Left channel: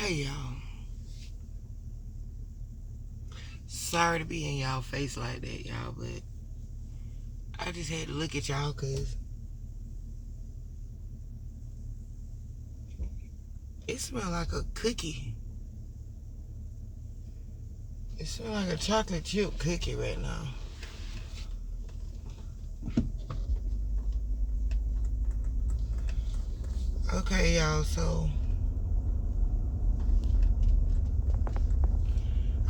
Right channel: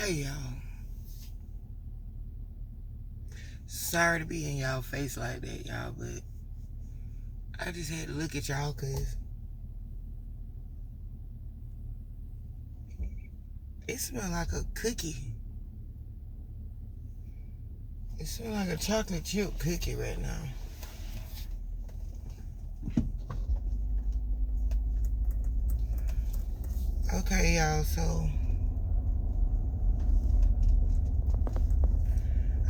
Hey y'all, sorry to be in y'all face like that, y'all, but I just had to look at y'all because it smells like a cookie. It smells like a chocolate chip cookie right now. Okay, y'all, so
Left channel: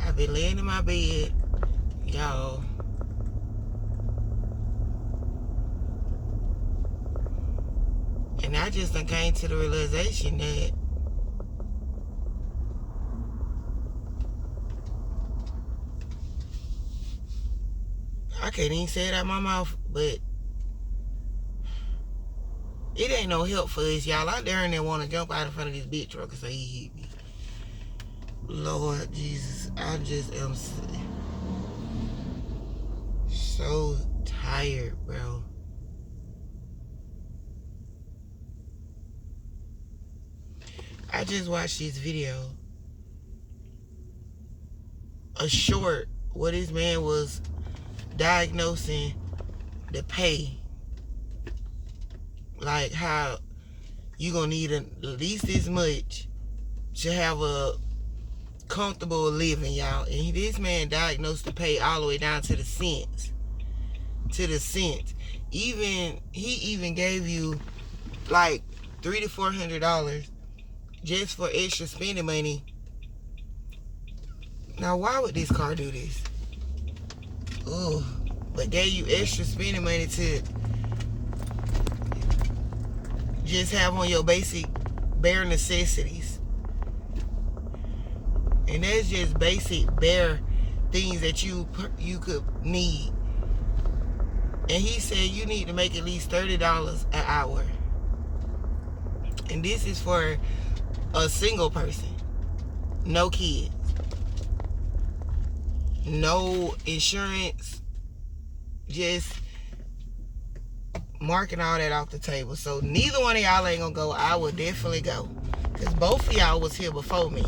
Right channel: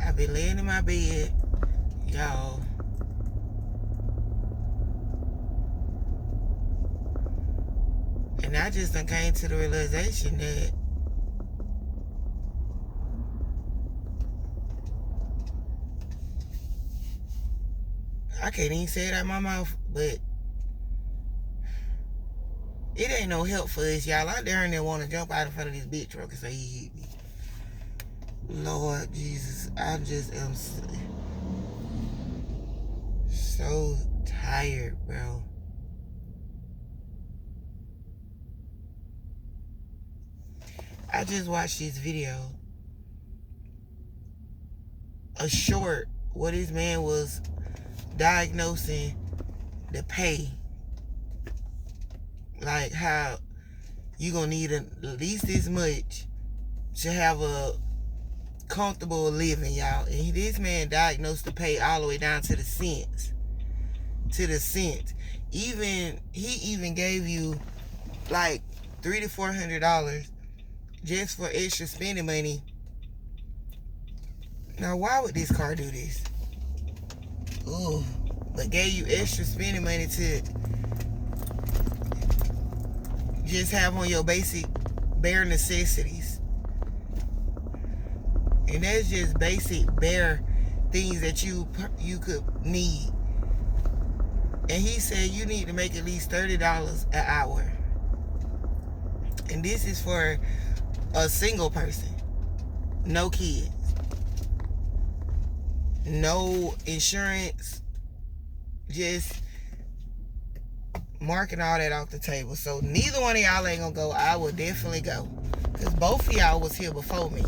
I've been laying in my bed, y'all, and I just done came to the realization that I can't even say it out my mouth, but it ain't no help for us, y'all out there and they want to jump out in front of this big truck and say he hit me. Lord Jesus, I just am so tired, bro. I just watched this video, a short, where this man was diagnosing the pay, like how you gonna need at least this much to have a comfortable living, y'all. And this man diagnosed the pay all the way down to the cents. He even gave you like $300 to $400 just for extra spending money. Now, why would this car do this? Ooh, but gave you extra spending money to just have on your basic bare necessities. And that's just basic bare things that you could need. And he said you need to make at least $30 an hour. And this is for a single person. No kids. No insurance. Just marking all that off the table. So neither one of y'all ain't gonna go. I will definitely go. Because both of y'all was here before me.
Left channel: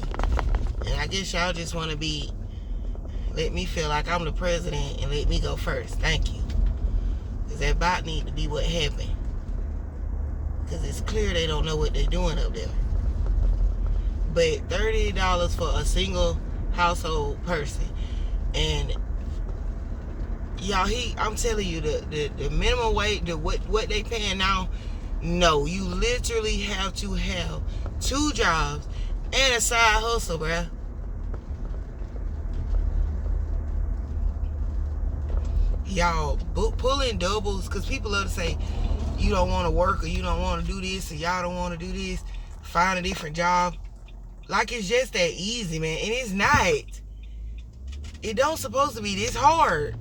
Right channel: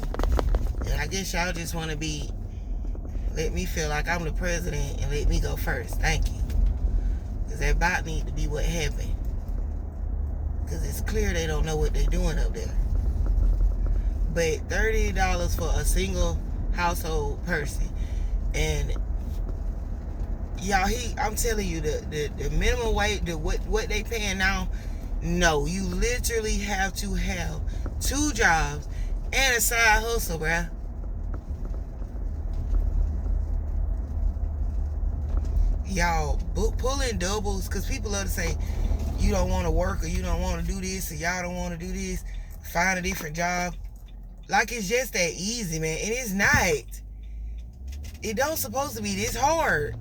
And I guess y'all just want to let me feel like I'm the president and let me go first. Thank you. Because that bot need to be what happened. Because it's clear they don't know what they're doing up there. But $30 for a single household person. And y'all, I'm telling you, the minimum wage, what they paying now, no, you literally have to have 2 jobs and a side hustle, bruh. Y'all, pulling doubles, because people love to say, you don't want to work or you don't want to do this or y'all don't want to do this, find a different job. Like it's just that easy, man. And it's not. It don't supposed to be this hard.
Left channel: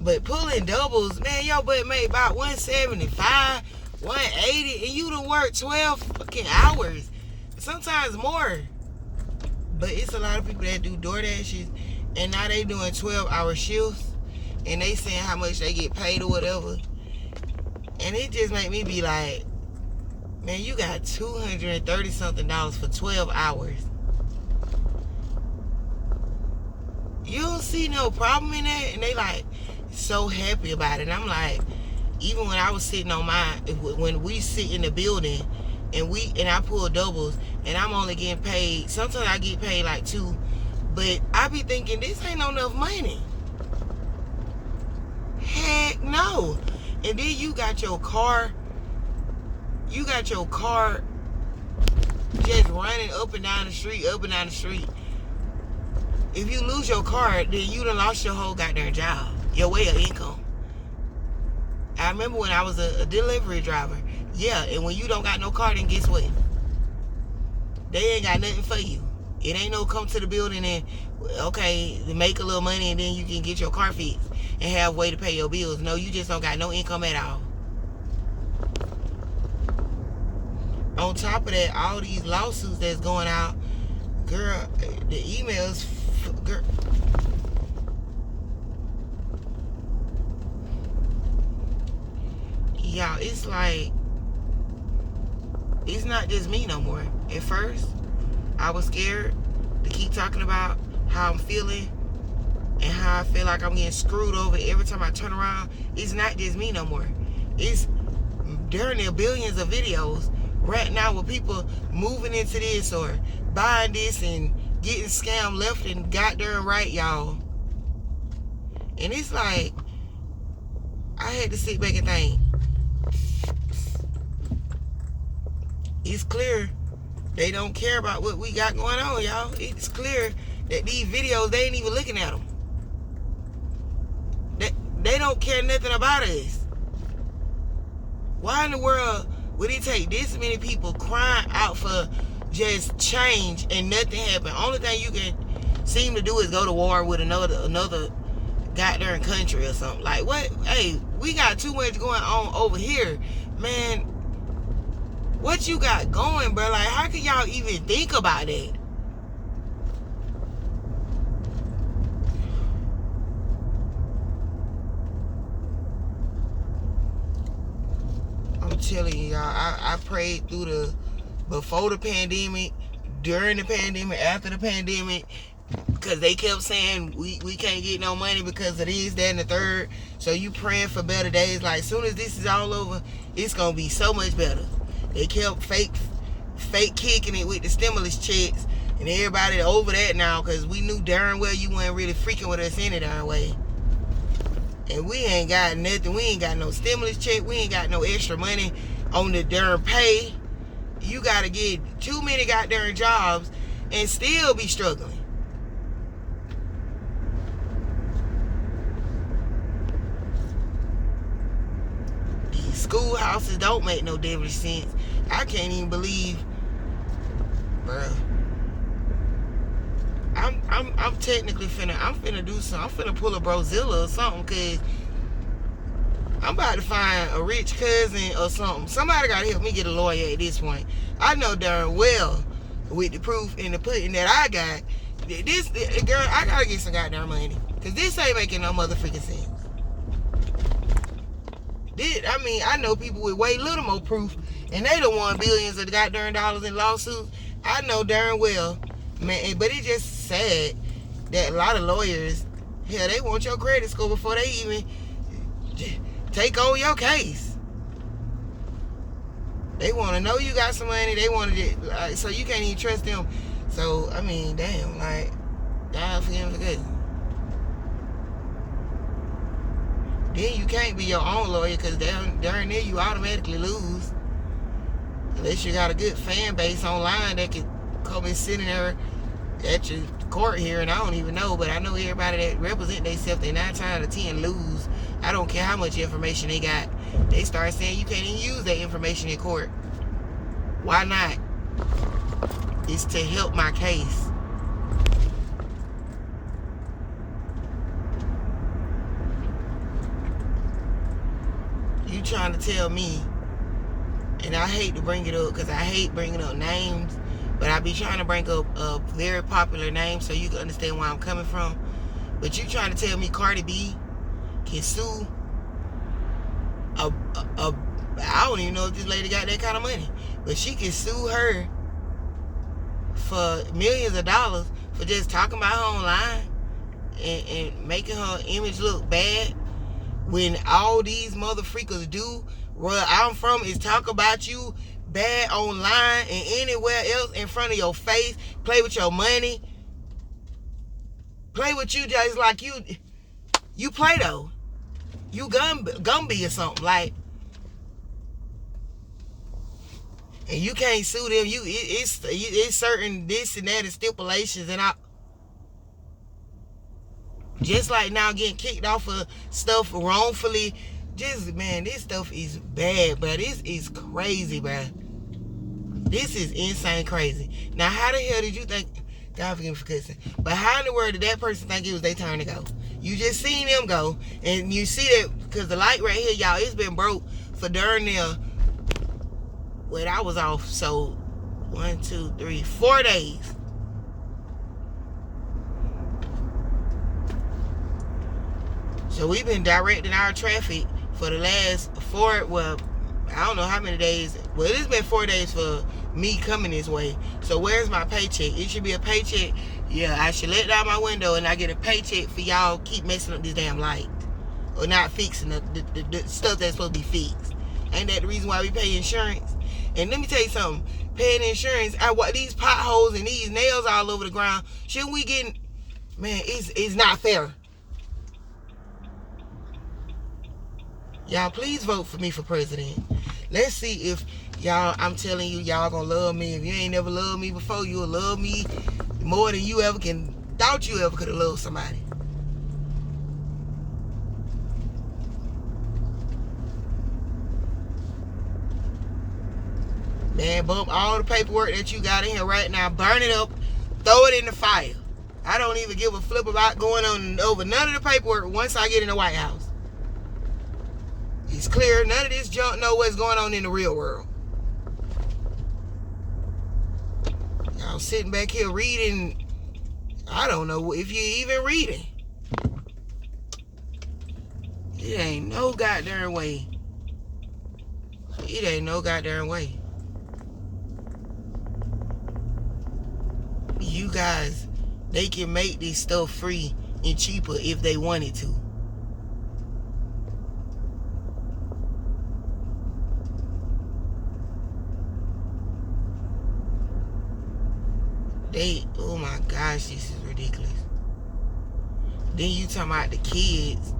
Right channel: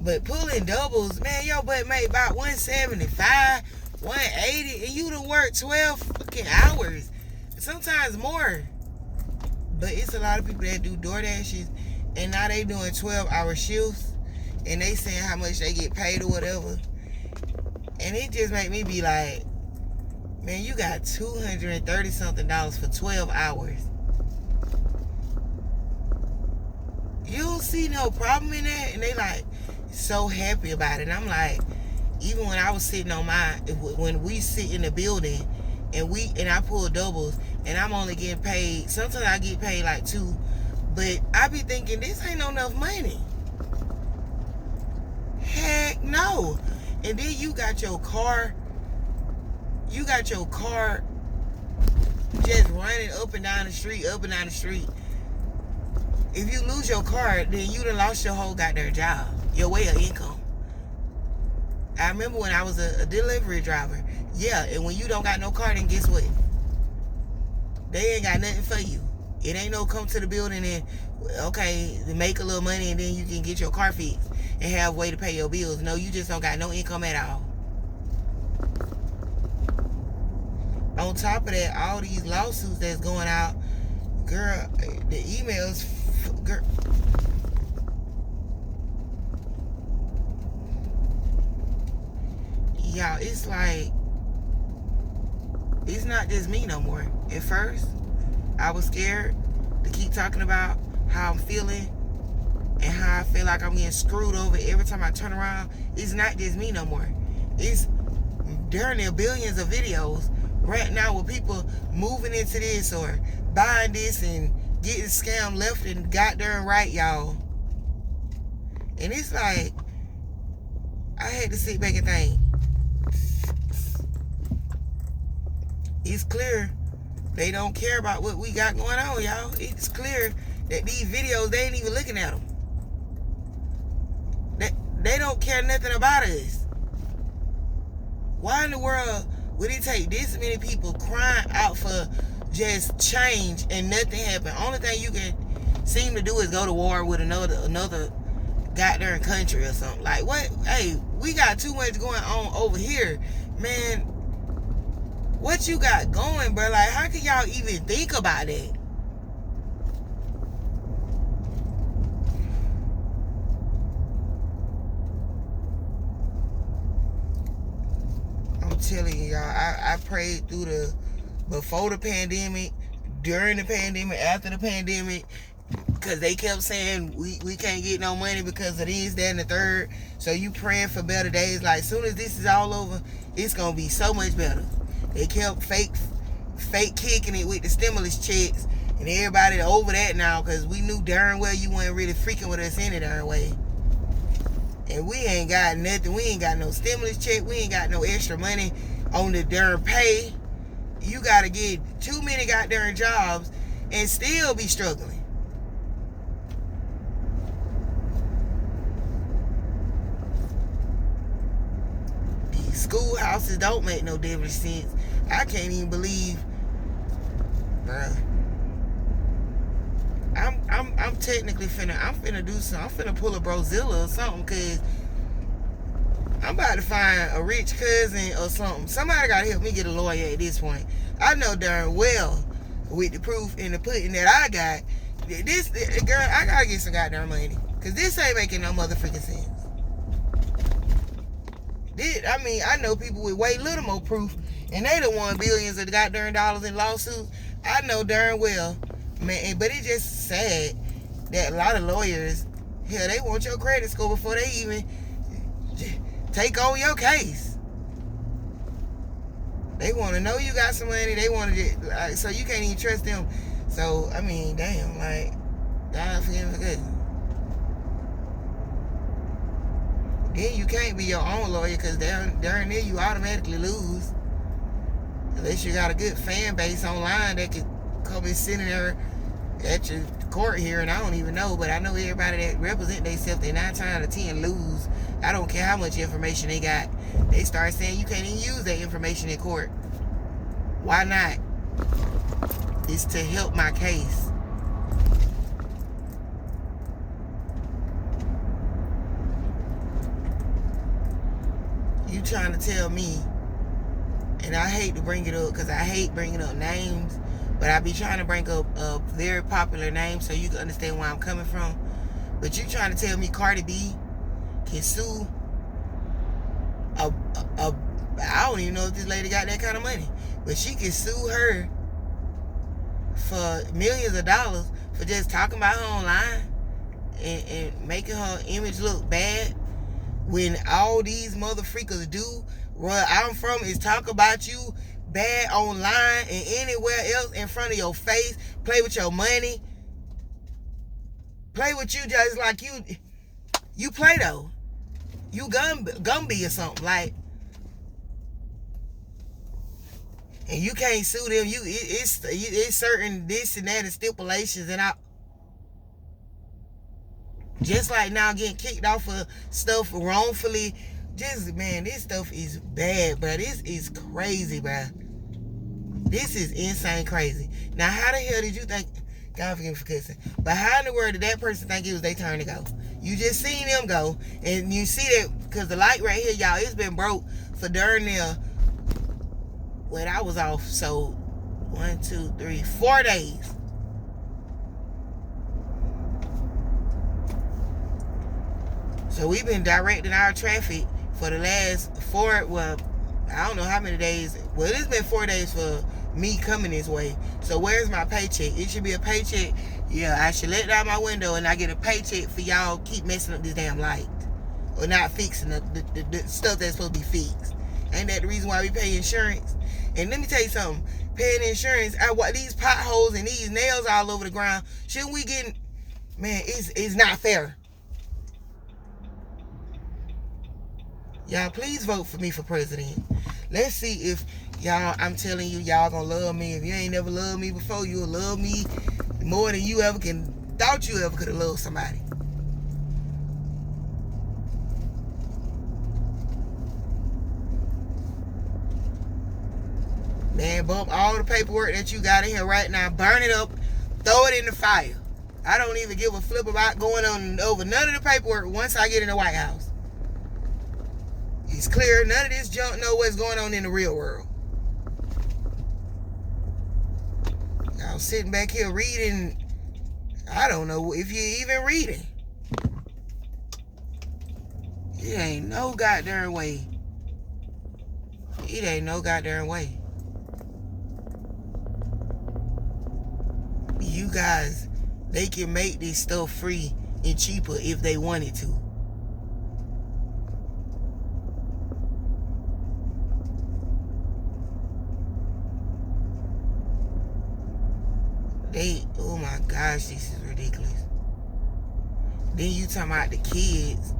But pulling doubles, man, your butt made about 175, 180, and you done work 12 fucking hours. Sometimes more. But it's a lot of people that do DoorDashes, and now they doing 12-hour shifts, and they saying how much they get paid or whatever. And it just make me be like, man, you got $230 something for 12 hours. You don't see no problem in that? And they like so happy about it. And I'm like, even when I was sitting on when we sit in the building and I pull doubles and I'm only getting paid, sometimes I get paid like 2, but I be thinking this ain't enough money. Heck no. And then you got your car just running up and down the street. If you lose your car, then you done lost your whole goddamn job, your way of income. I remember when I was a delivery driver. Yeah, and when you don't got no car, then guess what? They ain't got nothing for you. It ain't no come to the building and, okay, make a little money and then you can get your car fixed and have a way to pay your bills. No, you just don't got no income at all. On top of that, all these lawsuits that's going out, girl, the emails, girl. Y'all, it's like It's not just me no more. At first, I was scared to keep talking about how I'm feeling and how I feel like I'm getting screwed over every time I turn around. It's not just me no more. It's during the billions of videos right now with people moving into this or buying this and getting scammed left and goddamn right, y'all. And it's like, I had to sit back and think. It's clear they don't care about what we got going on, y'all. It's clear that these videos, they ain't even looking at them. They don't care nothing about us. Why in the world would it take this many people crying out for just change and nothing happen? Only thing you can seem to do is go to war with another goddamn country or something. Like, what? Hey, we got too much going on over here, man. What you got going, bro? Like, how can y'all even think about that? I'm telling y'all, I prayed through before the pandemic, during the pandemic, after the pandemic, because they kept saying we can't get no money because of this, that, and the third. So you praying for better days. Like, as soon as this is all over, it's gonna be so much better. They kept fake kicking it with the stimulus checks, and everybody over that now, because we knew darn well you weren't really freaking with us any darn way. And we ain't got nothing. We ain't got no stimulus check. We ain't got no extra money on the darn pay. You gotta get too many goddamn jobs and still be struggling. These schoolhouses don't make no damn sense. I can't even believe, bruh. I'm technically finna do something. I'm finna pull a Brozilla or something, cause I'm about to find a rich cousin or something. Somebody gotta help me get a lawyer at this point. I know darn well with the proof and the pudding that I got, this girl, I gotta get some goddamn money, cause this ain't making no motherfucking sense. I know people with way little more proof, and they done won billions of goddamn dollars in lawsuits. I know darn well, man. But it's just sad that a lot of lawyers, hell, they want your credit score before they even take on your case. They want to know you got some money. They want to, so you can't even trust them. So, I mean, damn, like, God for him for good. Then you can't be your own lawyer, because down there you automatically lose. Unless you got a good fan base online that could come and sit in there at your court hearing. I don't even know, but I know everybody that represent themselves, they 9 times out of 10 lose. I don't care how much information they got. They start saying you can't even use that information in court. Why not? It's to help my case. You trying to tell me, and I hate to bring it up because I hate bringing up names, but I be trying to bring up a very popular name so you can understand where I'm coming from. But you trying to tell me Cardi B can sue I don't even know if this lady got that kind of money, but she can sue her for millions of dollars for just talking about her online and making her image look bad, when all these mother freakers do where I'm from is talk about you bad online and anywhere else in front of your face, play with your money, play with you just like you play though. You Gumby or something, like, and you can't sue them. It's certain this and that and stipulations, and just like now getting kicked off of stuff wrongfully. Just, man, this stuff is bad, bro. This is crazy, bro. This is insane crazy. Now, how the hell did you think, God forgive me for cussing, but how in the world did that person think it was their turn to go? You just seen them go, and you see that, because the light right here, y'all, it's been broke for darn near, wait, I was off, so 1, 2, 3, 4 days. So we've been directing our traffic for the last 4, well, I don't know how many days. Well, it's been 4 days for me coming this way. So where's my paycheck? It should be a paycheck. Yeah, I should let down my window and I get a paycheck for y'all keep messing up this damn light. Or not fixing the stuff that's supposed to be fixed. Ain't that the reason why we pay insurance? And let me tell you something. Paying insurance, these potholes and these nails all over the ground, shouldn't we get... Man, it's not fair. Y'all, please vote for me for president. Let's see if y'all, I'm telling you, y'all gonna love me. If you ain't never loved me before, you'll love me more than you ever thought you ever could have loved somebody. Man, bump all the paperwork that you got in here right now, burn it up, throw it in the fire. I don't even give a flip about going on over none of the paperwork once I get in the White House. It's clear none of this junk know what's going on in the real world. Y'all sitting back here reading, I don't know if you're even reading. It ain't no goddamn way. It ain't no goddamn way. You guys, they can make this stuff free and cheaper if they wanted to. Oh my gosh, this is ridiculous. Then you talking about the kids.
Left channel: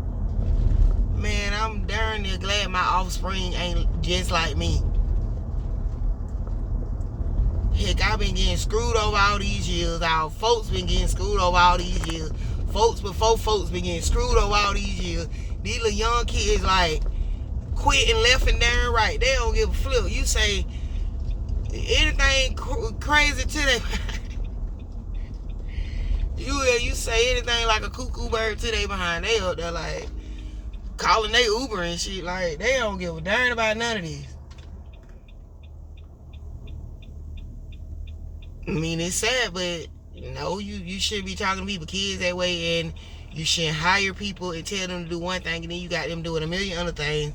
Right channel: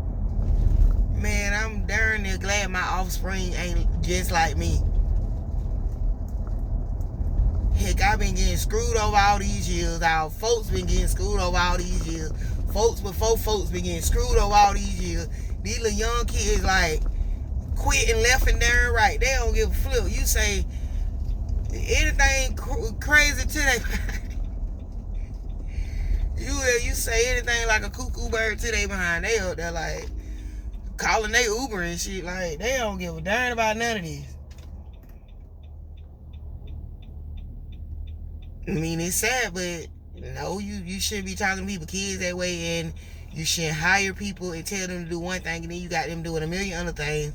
Man, I'm darn near glad my offspring ain't just like me. Heck, I've been getting screwed over all these years. Our folks been getting screwed over all these years. Folks before folks been getting screwed over all these years. These little young kids like quit and left and there and right. They don't give a flip. You say anything crazy to them. You say anything like a cuckoo bird to they behind. They up there like calling they Uber and shit. Like they don't give a darn about none of this. I mean, it's sad, but no, you shouldn't be talking to people, kids that way, and you shouldn't hire people and tell them to do one thing and then you got them doing a million other things.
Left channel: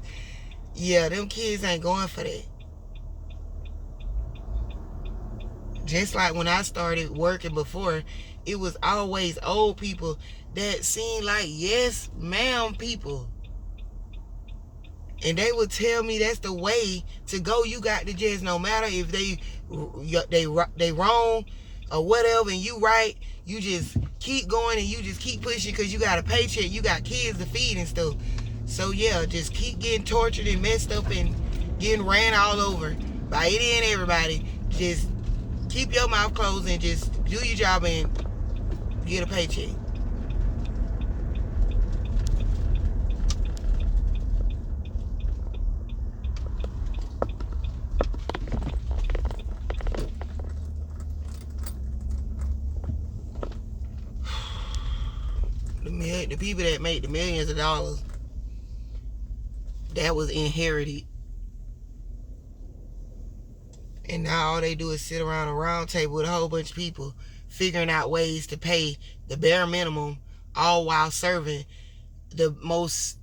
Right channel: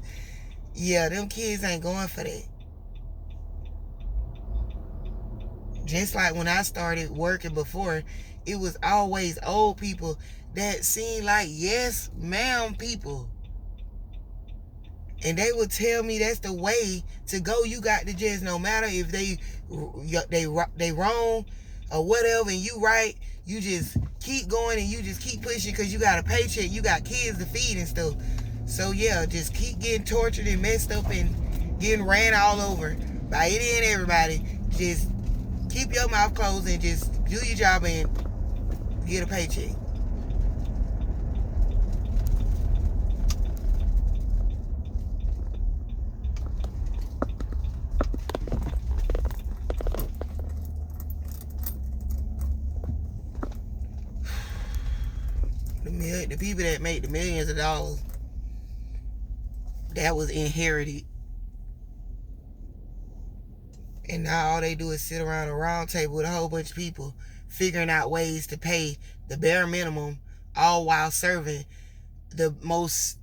Yeah, them kids ain't going for that. Just like when I started working before, it was always old people that seemed like yes ma'am people. And they would tell me that's the way to go. You got to just, no matter if they wrong or whatever and you right, you just keep going and you just keep pushing because you got a paycheck, you got kids to feed and stuff. So yeah, just keep getting tortured and messed up and getting ran all over by any and everybody. Just keep your mouth closed and just do your job and get a paycheck. The people that make the millions of dollars, that was inherited. And now all they do is sit around a round table with a whole bunch of people figuring out ways to pay the bare minimum, all while serving the most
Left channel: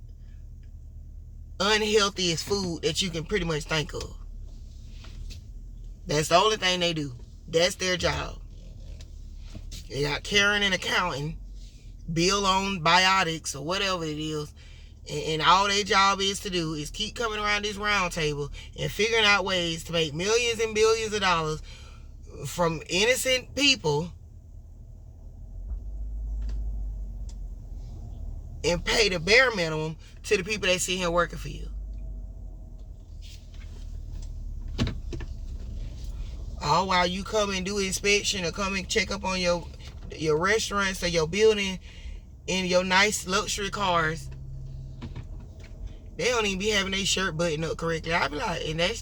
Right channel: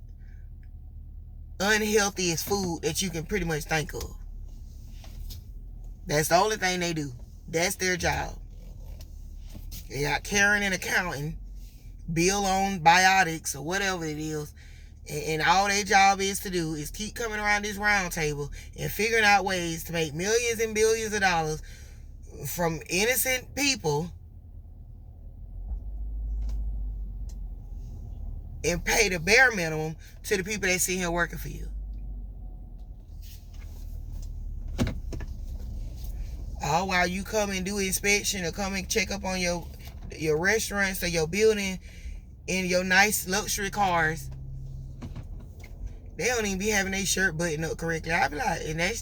unhealthiest food that you can pretty much think of. That's the only thing they do. That's their job. They got Karen and accounting, bill on biotics or whatever it is, and all their job is to do is keep coming around this round table and figuring out ways to make millions and billions of dollars from innocent people and pay the bare minimum to the people that sit here working for you. All while you come and do inspection or come and check up on your restaurants or your building in your nice luxury cars. They don't even be having their shirt buttoned up correctly. I be like, and that's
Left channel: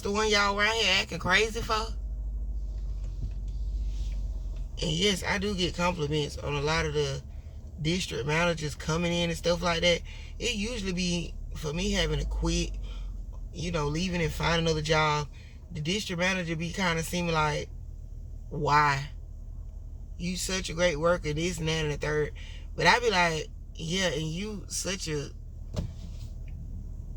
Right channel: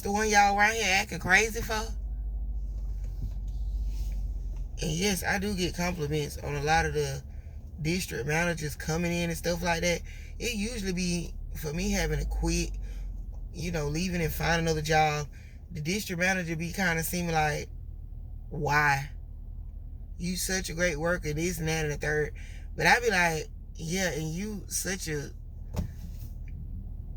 the one y'all around here acting crazy for? And yes, I do get compliments on a lot of the district managers coming in and stuff like that. It usually be for me having to quit, leaving and find another job. The district manager be kind of seeming like, why? You such a great worker, this and that and the third. But I be like, yeah, and you such a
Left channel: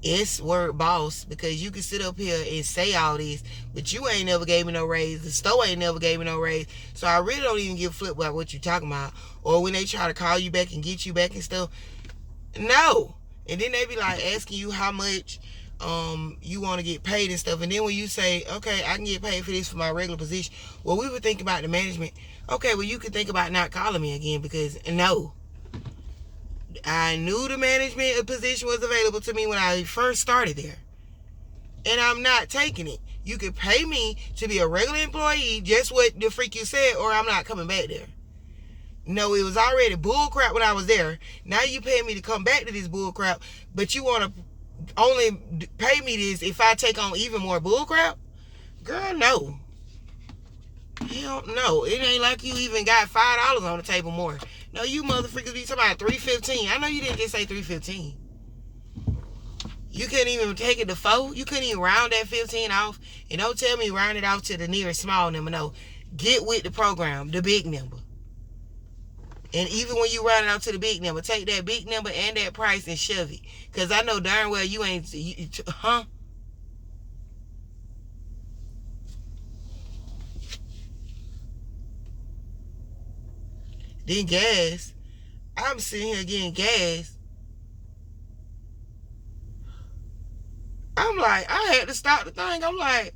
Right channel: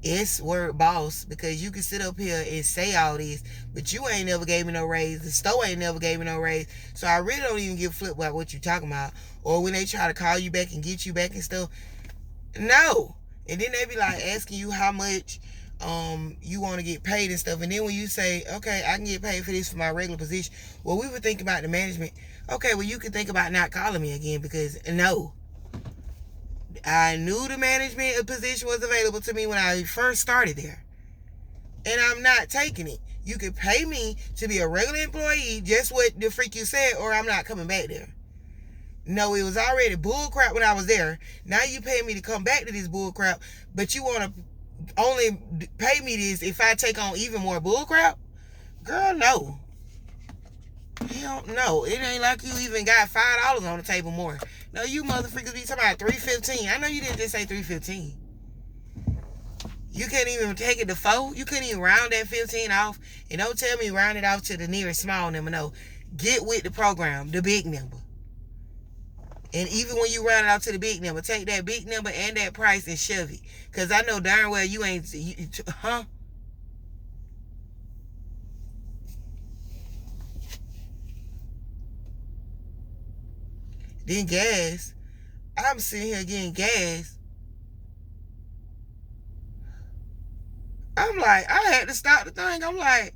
S word boss, because you can sit up here and say all this, but you ain't never gave me no raise. The store ain't never gave me no raise. So I really don't even give a flip about what you talking about. Or when they try to call you back and get you back and stuff. No. And then they be like asking you how much you want to get paid and stuff. And then when you say, okay, I can get paid for this for my regular position. Well, we would think about the management. Okay, well, you could think about not calling me again, because no. I knew the management position was available to me when I first started there. And I'm not taking it. You could pay me to be a regular employee, just what the freak you said, or I'm not coming back there. No, it was already bull crap when I was there. Now you pay me to come back to this bull crap, but you want to only pay me this if I take on even more bull crap? Girl, no. Hell no. It ain't like you even got $5 on the table more. No, you motherfuckers be talking about $3.15. I know you didn't just say $3.15. You couldn't even take it to 4. You couldn't even round that 15 off. And don't tell me round it off to the nearest small number. No. Get with the program, the big number. And even when you round it out to the big number, take that big number and that price and shove it. Because I know darn well you ain't... huh? Then gas. I'm sitting here getting gas. I'm like, I had to stop the thing. I'm like,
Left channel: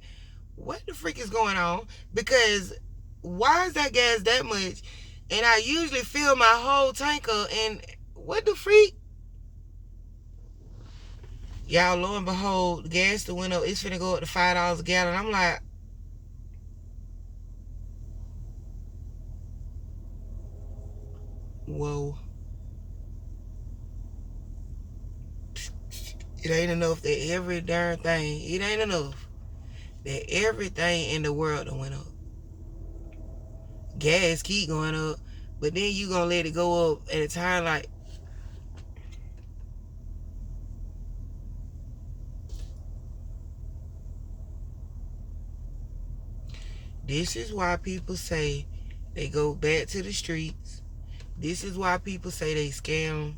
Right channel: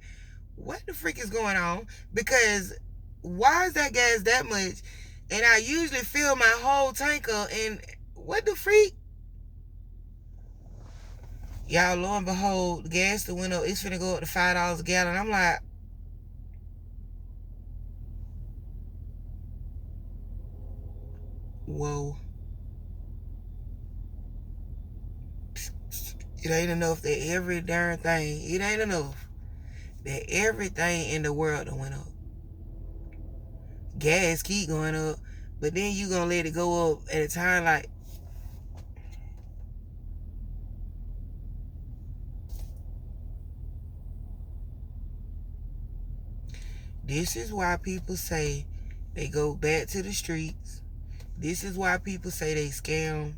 what the freak is going on? Because why is that gas that much? And I usually fill my whole tank up. And what the freak? Y'all, lo and behold, the gas that went up, it's finna go up to $5 a gallon. I'm like, whoa. It ain't enough that every darn thing, it ain't enough that everything in the world done went up. Gas keep going up, but then you gonna let it go up at a time like... This is why people say they go back to the streets. This is why people say they scam.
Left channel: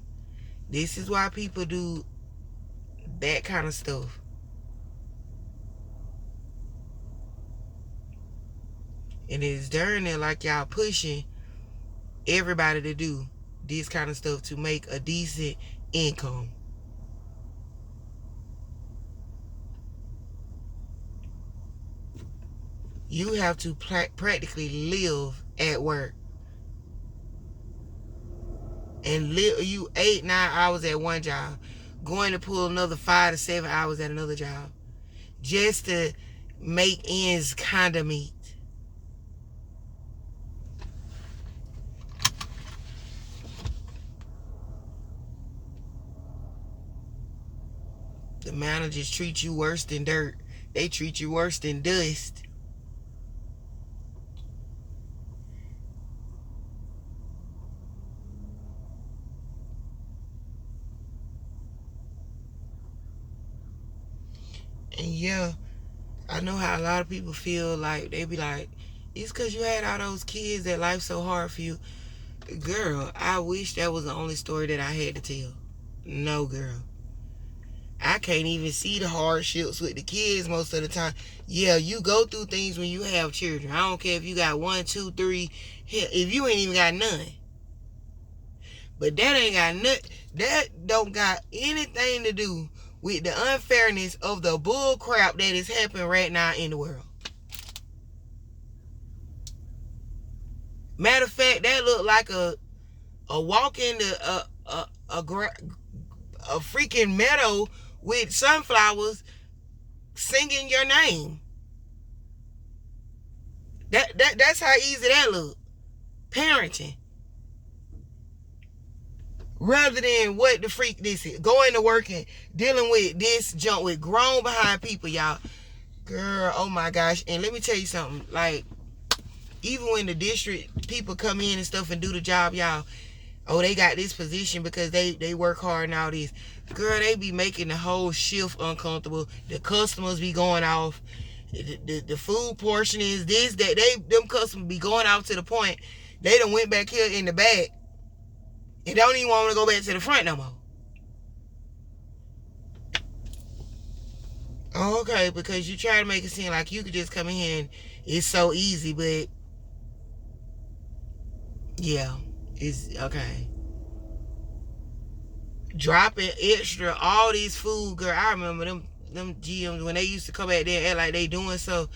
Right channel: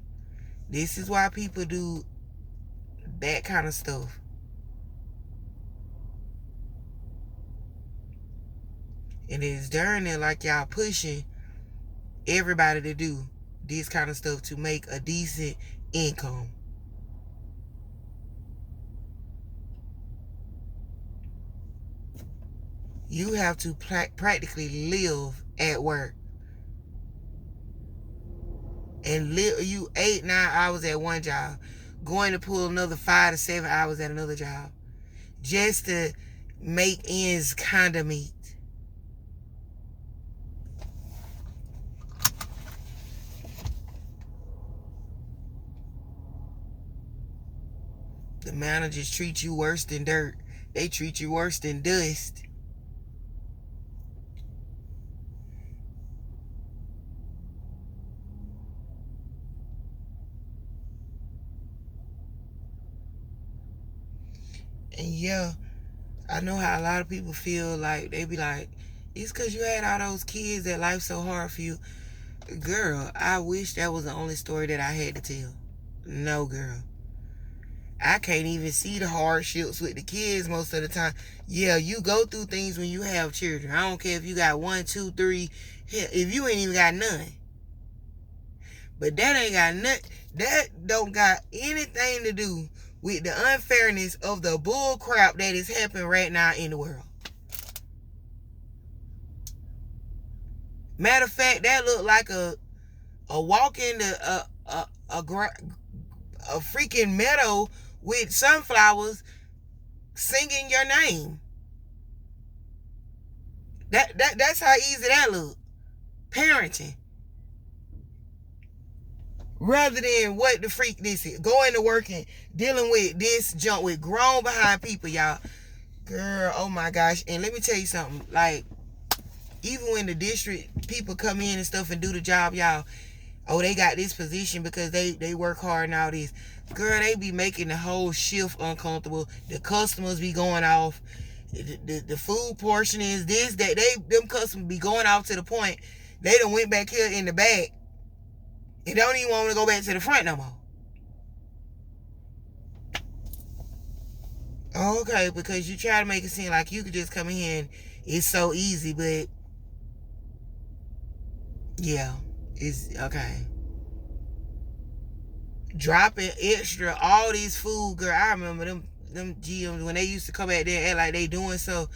This is why people do that kind of stuff. And it's darn near like y'all pushing everybody to do this kind of stuff to make a decent income. You have to practically live at work. And live you 8-9 hours at one job, going to pull another 5 to 7 hours at another job, just to make ends kind of meet. The managers treat you worse than dirt. They treat you worse than dust. And yeah, I know how a lot of people feel like, they be like, it's because you had all those kids that life's so hard for you. Girl, I wish that was the only story that I had to tell. No, girl. I can't even see the hardships with the kids most of the time. Yeah, you go through things when you have children. I don't care if you got 1, 2, 3. Hell, if you ain't even got none. But that ain't got nothing. That don't got anything to do with the unfairness of the bull crap that is happening right now in the world. Matter of fact, that looked like a walk into a freaking meadow with sunflowers singing your name. That's how easy that look. Parenting. Rather than what the freak this is. Going to work and dealing with this junk with grown behind people, y'all. Girl, oh my gosh. And let me tell you something. Like, even when the district people come in and stuff and do the job, y'all, oh, they got this position because they work hard and all this. Girl, they be making the whole shift uncomfortable. The customers be going off. The food portion is this, that. Them customers be going off to the point they done went back here in the back and don't even want to go back to the front no more. Oh, okay, because you try to make it seem like you could just come in here and it's so easy, but yeah, it's okay. Dropping extra all these food, girl. I remember them GMs when they used to come back there and act like they doing so.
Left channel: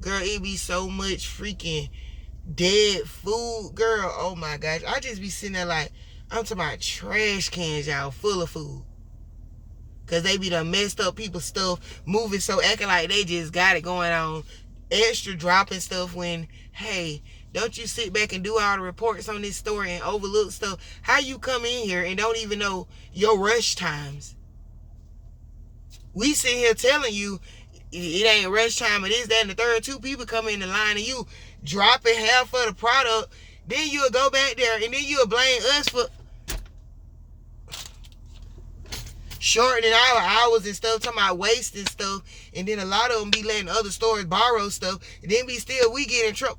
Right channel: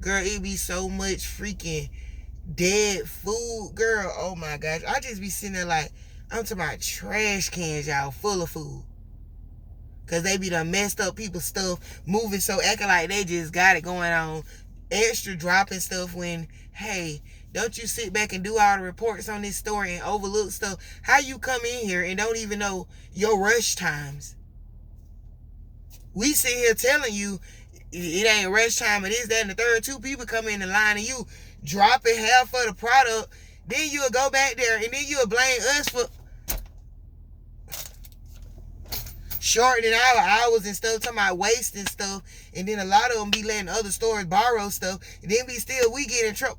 Girl, it be so much freaking dead food, girl. Oh my gosh. I just be sitting there like, I'm talking about trash cans, y'all, full of food. Cause they be done messed up people's stuff, moving so acting like they just got it going on. Extra dropping stuff when, hey, don't you sit back and do all the reports on this store and overlook stuff? How you come in here and don't even know your rush times? We sit here telling you it ain't rush time, it is that and the third. Two people come in the line and you dropping half of the product. Then you'll go back there and then you'll blame us for shortening our hours and stuff, talking about wasting stuff, and then a lot of them be letting other stores borrow stuff, and then we get in trouble.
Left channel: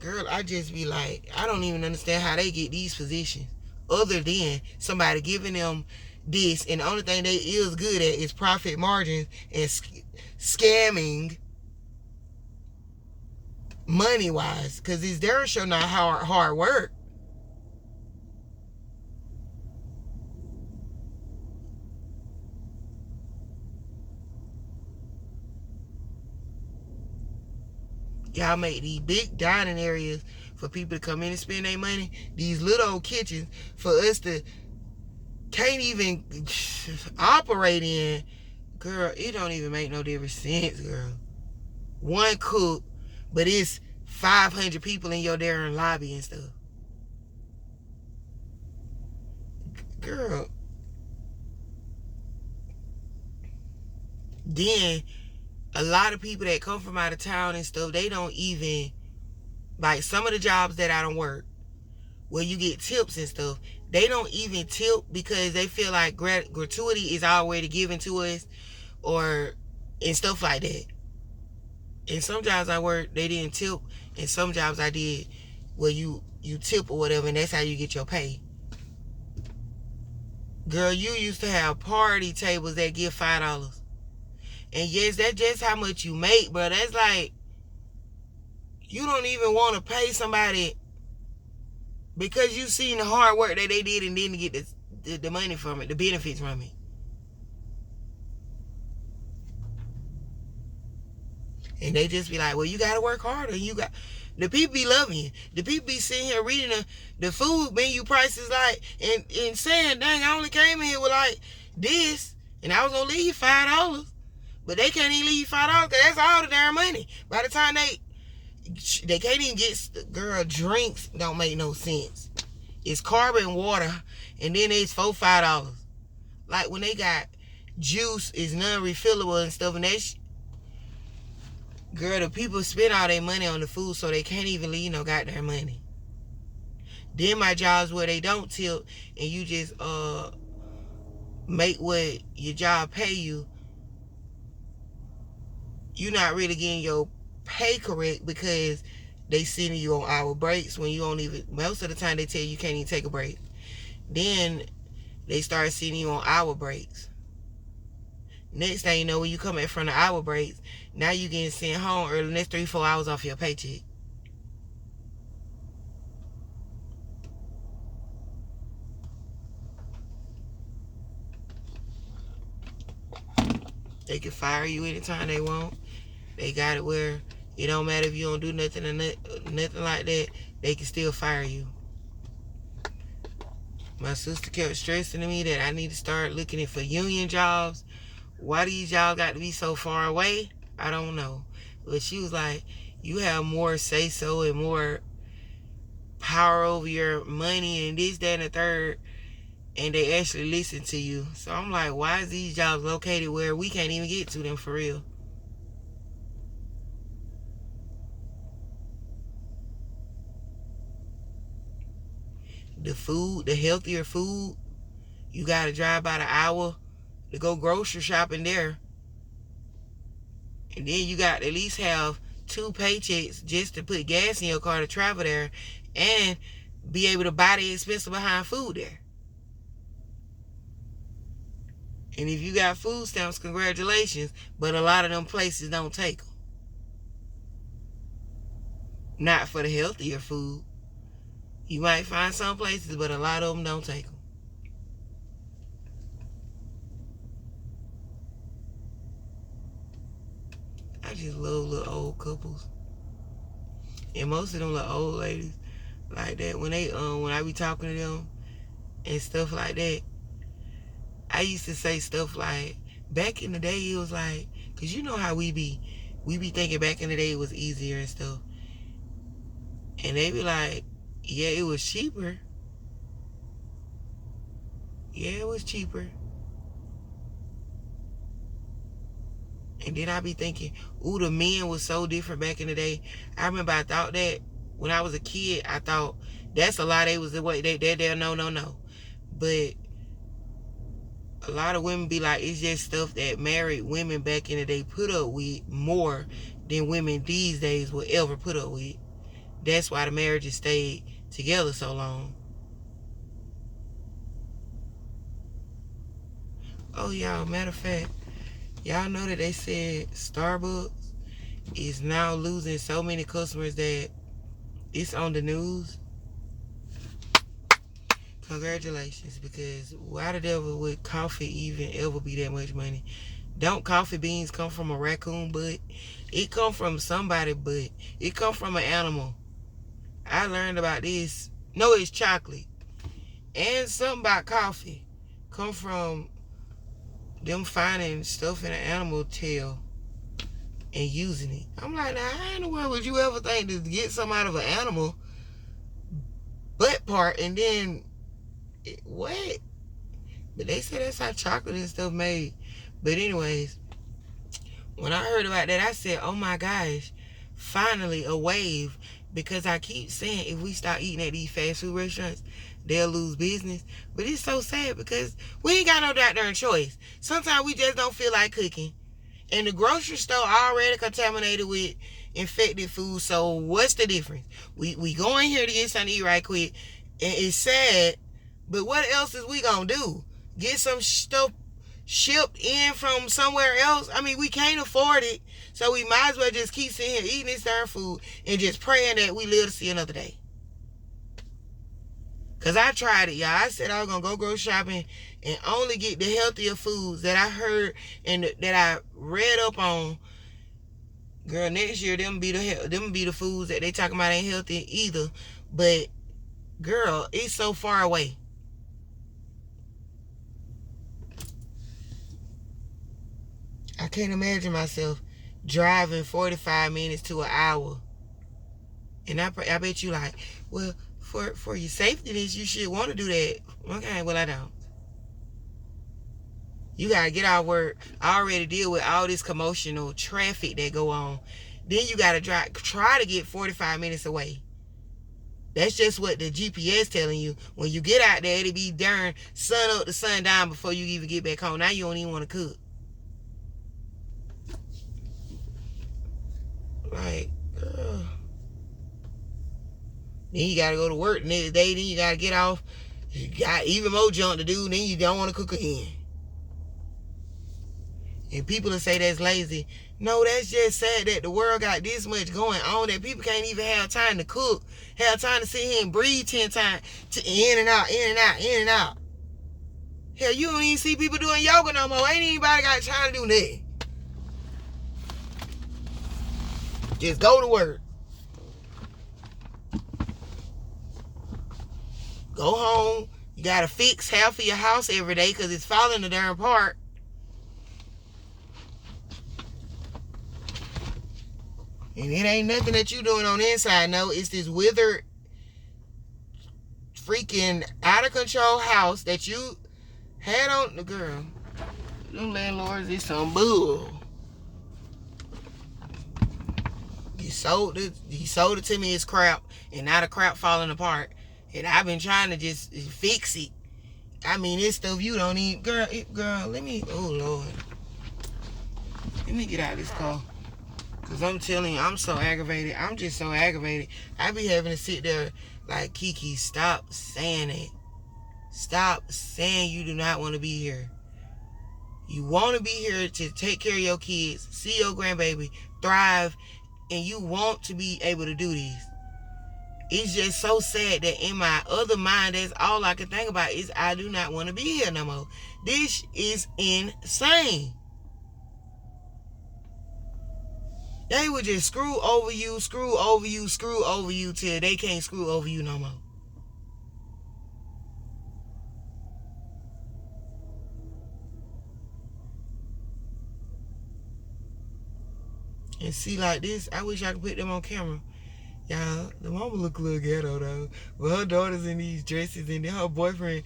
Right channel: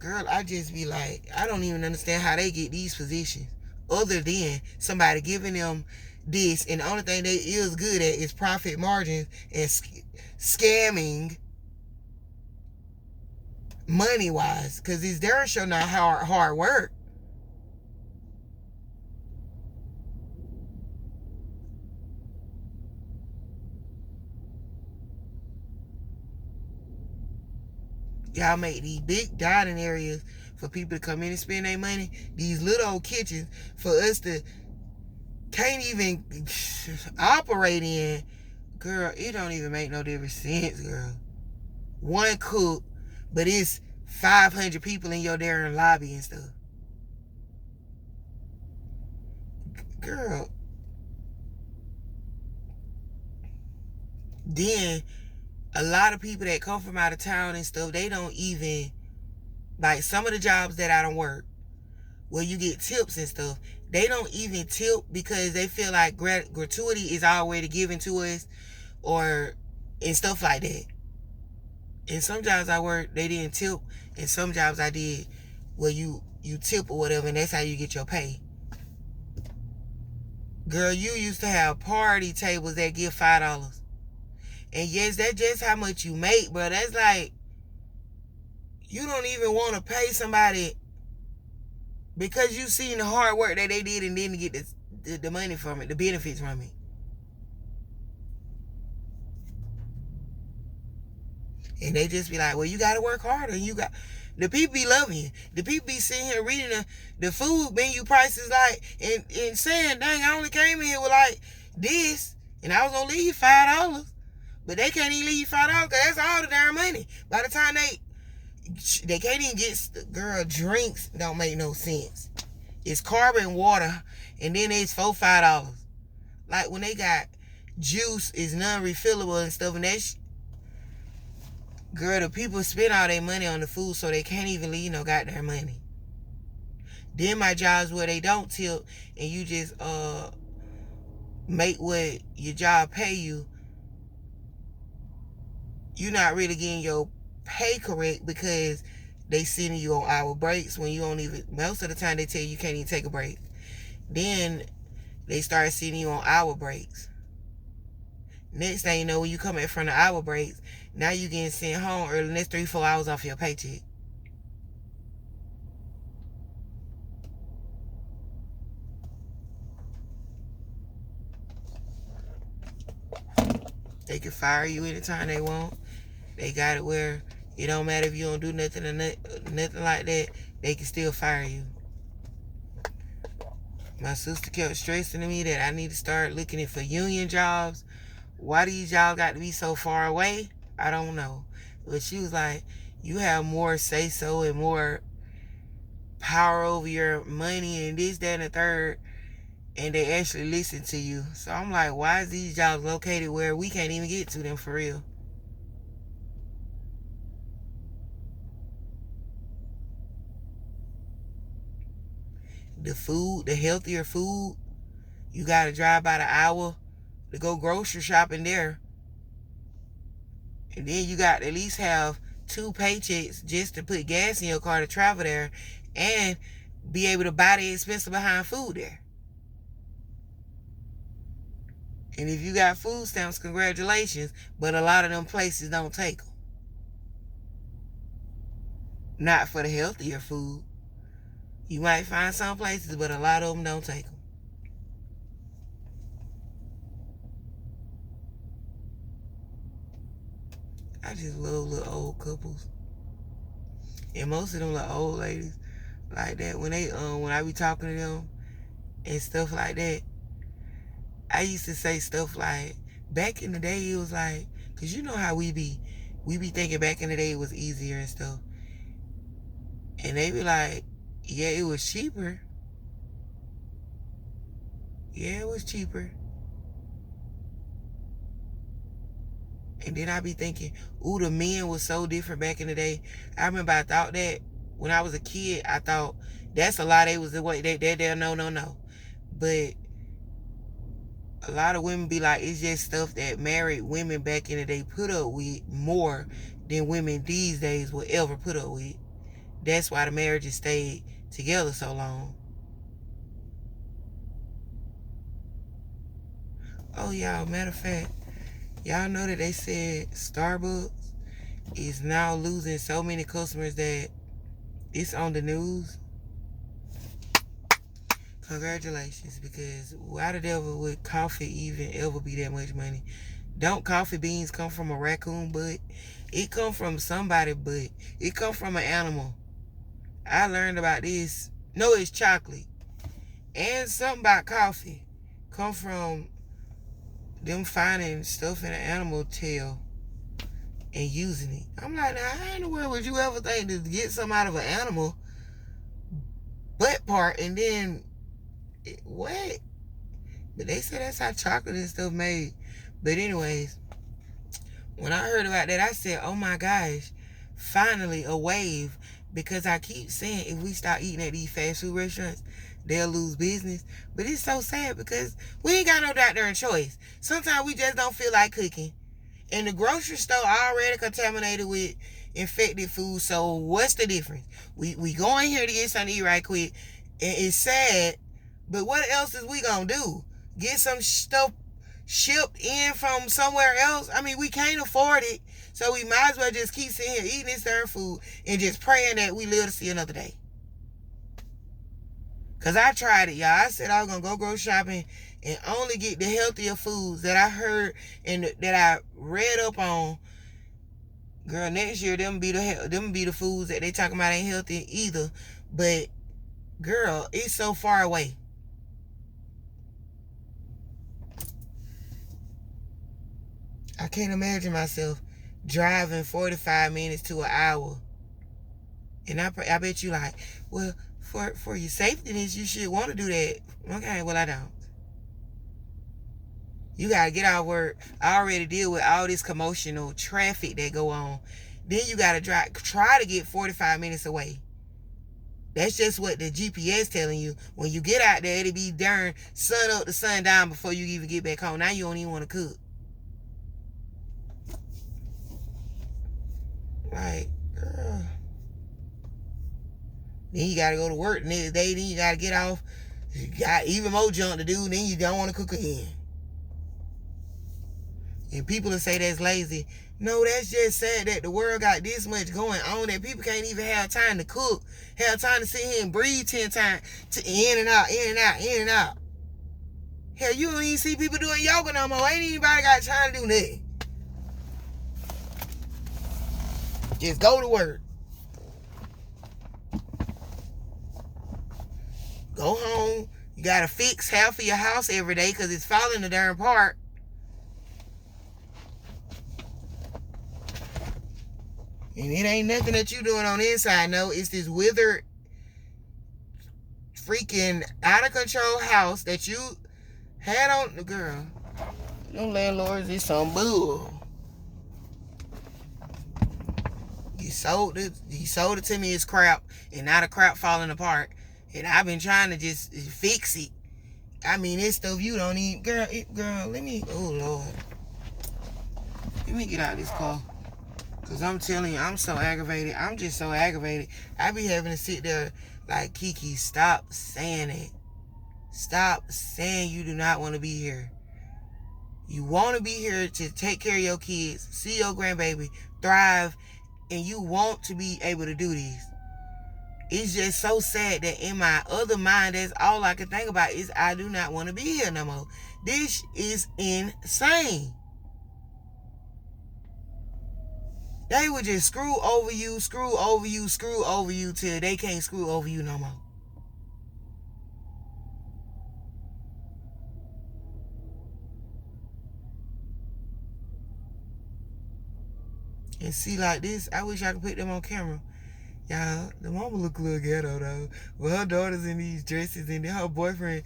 Girl, I just be like, I don't even understand how they get these positions, other than somebody giving them this, and the only thing they is good at is profit margins and scamming money wise, because it's their show, not hard work. Y'all make these big dining areas for people to come in and spend their money. These little old kitchens for us to can't even operate in. Girl, it don't even make no different sense, girl. One cook, but it's 500 people in your damn lobby and stuff. Girl. Then a lot of people that come from out of town and stuff, they don't even, like some of the jobs that I don't work, where you get tips and stuff, they don't even tip because they feel like gratuity is already given to us, or and stuff like that. And some jobs I work, they didn't tip, and some jobs I did where you tip or whatever, and that's how you get your pay. Girl, you used to have party tables that give $5. And yes, that's just how much you make, bro. That's like, you don't even want to pay somebody because you seen the hard work that they did and didn't get the money from it, the benefits from it. And they just be like, well, you got to work harder. The people be loving you. The people be sitting here reading the food menu prices like, and saying, dang, I only came in here with like this, and I was going to leave $5. But they can't even leave $5 because that's all the damn money. By the time they can't even get, girl, drinks don't make no sense. It's carbon water, and then it's $4-5. Like when they got juice is non-refillable and stuff, and that's, girl, the people spend all their money on the food, so they can't even leave no goddamn money. Then my jobs where they don't tip, and you just make what your job pay you, you're not really getting your pay correct because they sending you on hour breaks when you don't even, most of the time they tell you can't even take a break. Then they start sending you on hour breaks. Next thing you know, when you come back from the hour breaks, now you getting sent home early, next 3-4 hours off your paycheck. They can fire you anytime they want. They got it where it don't matter if you don't do nothing or nothing like that, they can still fire you. My sister kept stressing to me that I need to start looking for union jobs. Why these jobs got to be so far away? I don't know. But she was like, you have more say-so and more power over your money and this, that, and the third, and they actually listen to you. So I'm like, why is these jobs located where we can't even get to them for real? The food, the healthier food, you got to drive about an hour to go grocery shopping there. And then you got to at least have 2 paychecks just to put gas in your car to travel there and be able to buy the expensive behind food there. And if you got food stamps, congratulations. But a lot of them places don't take them. Not for the healthier food. You might find some places, but a lot of them don't take them. I just love little old couples. And most of them little old ladies like that, when I be talking to them and stuff like that, I used to say stuff like, back in the day it was like, cause you know how we be thinking back in the day it was easier and stuff. And they be like, yeah, it was cheaper. Yeah, it was cheaper. And then I be thinking, ooh, the men was so different back in the day. I remember I thought that when I was a kid, I thought that's a lie. They was the way they no. But a lot of women be like, it's just stuff that married women back in the day put up with more than women these days will ever put up with. That's why the marriages stayed together so long. Oh, y'all, matter of fact, y'all know that they said Starbucks is now losing so many customers that it's on the news? Congratulations, because why the devil would coffee even ever be that much money? Don't coffee beans come from a raccoon butt? It come from somebody butt. It come from an animal. I learned about this. No, it's chocolate. And something about coffee come from them finding stuff in an animal tail and using it. I'm like, now, how in the world would you ever think to get something out of an animal butt part and then what? But they say that's how chocolate and stuff made. But anyways, when I heard about that, I said, oh my gosh, finally a wave. Because I keep saying if we start eating at these fast food restaurants, they'll lose business. But it's so sad because we ain't got no goddamn choice. Sometimes we just don't feel like cooking. And the grocery store already contaminated with infected food. So what's the difference? We go in here to get something to eat right quick. And it's sad. But what else is we gonna do? Get some stuff shipped in from somewhere else? I mean, we can't afford it. So we might as well just keep sitting here eating this darn food and just praying that we live to see another day. Because I tried it, y'all. I said I was going to go grocery shopping and only get the healthier foods that I heard and that I read up on. Girl, next year, them be the foods that they talking about ain't healthy either. But, girl, it's so far away. I can't imagine myself driving 45 minutes to an hour. And I bet you like, well, for your safety, you should want to do that. Okay, well, I don't. You got to get out of work. I already deal with all this commotional traffic that go on. Then you got to try to get 45 minutes away. That's just what the GPS telling you. When you get out there, it'll be darn sun up to sun down before you even get back home. Now you don't even want to cook. Like, girl. Then you gotta go to work the next day. Then you gotta get off. You got even more junk to do. Then you don't want to cook again. And people will say that's lazy. No, that's just sad that the world got this much going on that people can't even have time to cook. Have time to sit here and breathe 10 times. In and out, in and out, in and out. Hell, you don't even see people doing yoga no more. Ain't anybody got time to do nothing. Just go to work. Go home. You got to fix half of your house every day because it's falling the darn apart. And it ain't nothing that you doing on the inside. No, it's this withered, freaking out of control house that you had on the girl. Them landlords is some bull. He sold it to me as crap, and now the crap falling apart. And I've been trying to just fix it. I mean, it's stuff you don't need. Girl, let me, oh Lord. Let me get out of this car. Because I'm telling you, I'm so aggravated. I'm just so aggravated. I be having to sit there like, Kiki, stop saying it. Stop saying you do not want to be here. You want to be here to take care of your kids, see your grandbaby thrive, and you want to be able to do this. It's just so sad that in my other mind, that's all I can think about is I do not want to be here no more. This is insane. They would just screw over you till they can't screw over you no more. And see, like this, I wish I could put them on camera. Y'all, the mama look a little ghetto though. But her daughter's in these dresses, and then her boyfriend,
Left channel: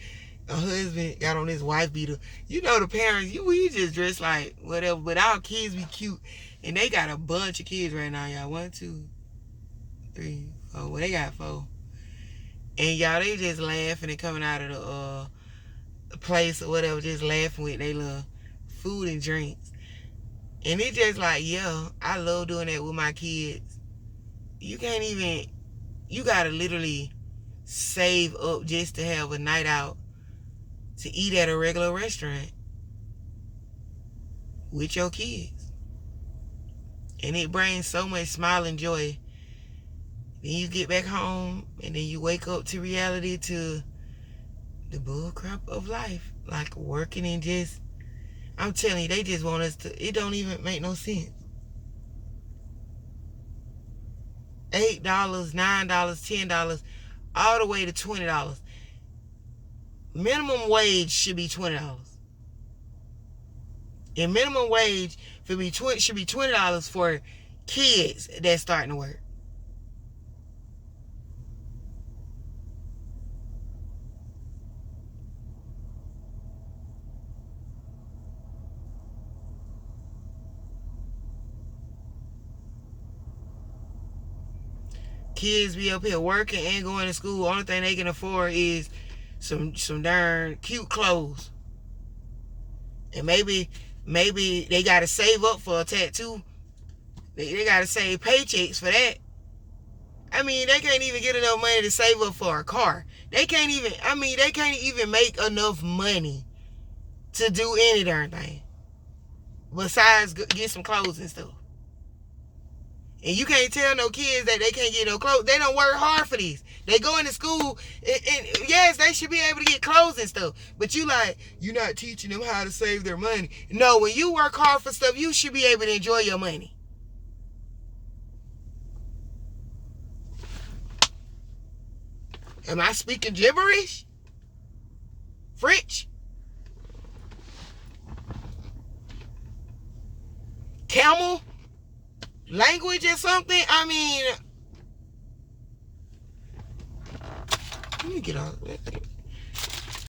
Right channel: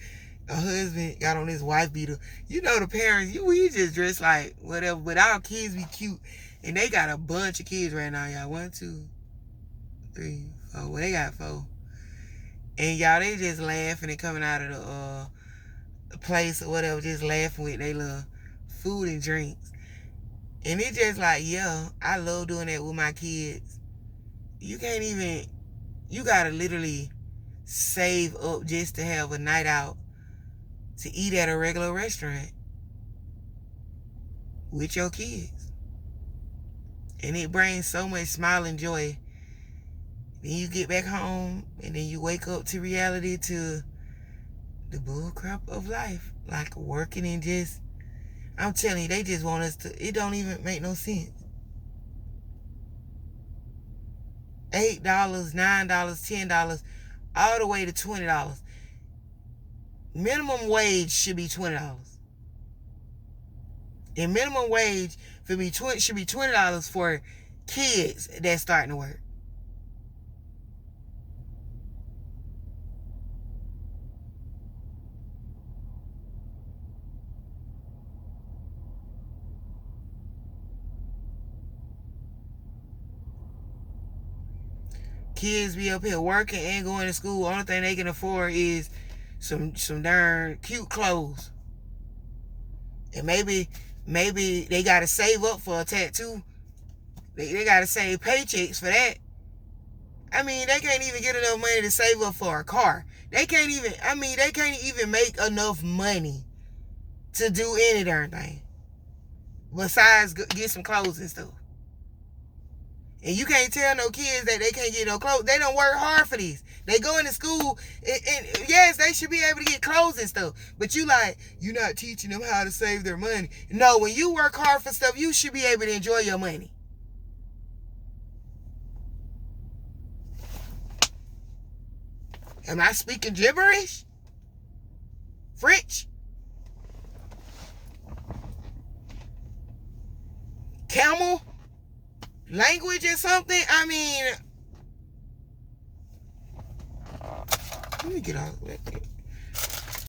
her husband, got on his wife beater. You know the parents, we just dress like whatever, but our kids be cute. And they got a bunch of kids right now, y'all. 1, 2, 3, 4. Well, they got 4. And y'all, they just laughing and coming out of the place or whatever, just laughing with their little food and drinks. And it's just like, yeah, I love doing that with my kids. You can't even, you gotta literally save up just to have a night out to eat at a regular restaurant with your kids. And it brings so much smile and joy. Then you get back home and then you wake up to reality, to the bullcrap of life. Like working and just, I'm telling you, they just want us to, it don't even make no sense. $8, $9, $10, all the way to $20. Minimum wage should be $20. And minimum wage should be $20 for kids that's starting to work. Kids be up here working and going to school. Only thing they can afford is some darn cute clothes. And maybe they gotta save up for a tattoo. They gotta save paychecks for that. I mean, they can't even get enough money to save up for a car. They can't even make enough money to do any darn thing besides get some clothes and stuff. And you can't tell no kids that they can't get no clothes. They don't work hard for these. They go into school, and yes, they should be able to get clothes and stuff. But you're not teaching them how to save their money. No, when you work hard for stuff, you should be able to enjoy your money. Am I speaking gibberish? French? Camel? Language or something? I mean, let me get off.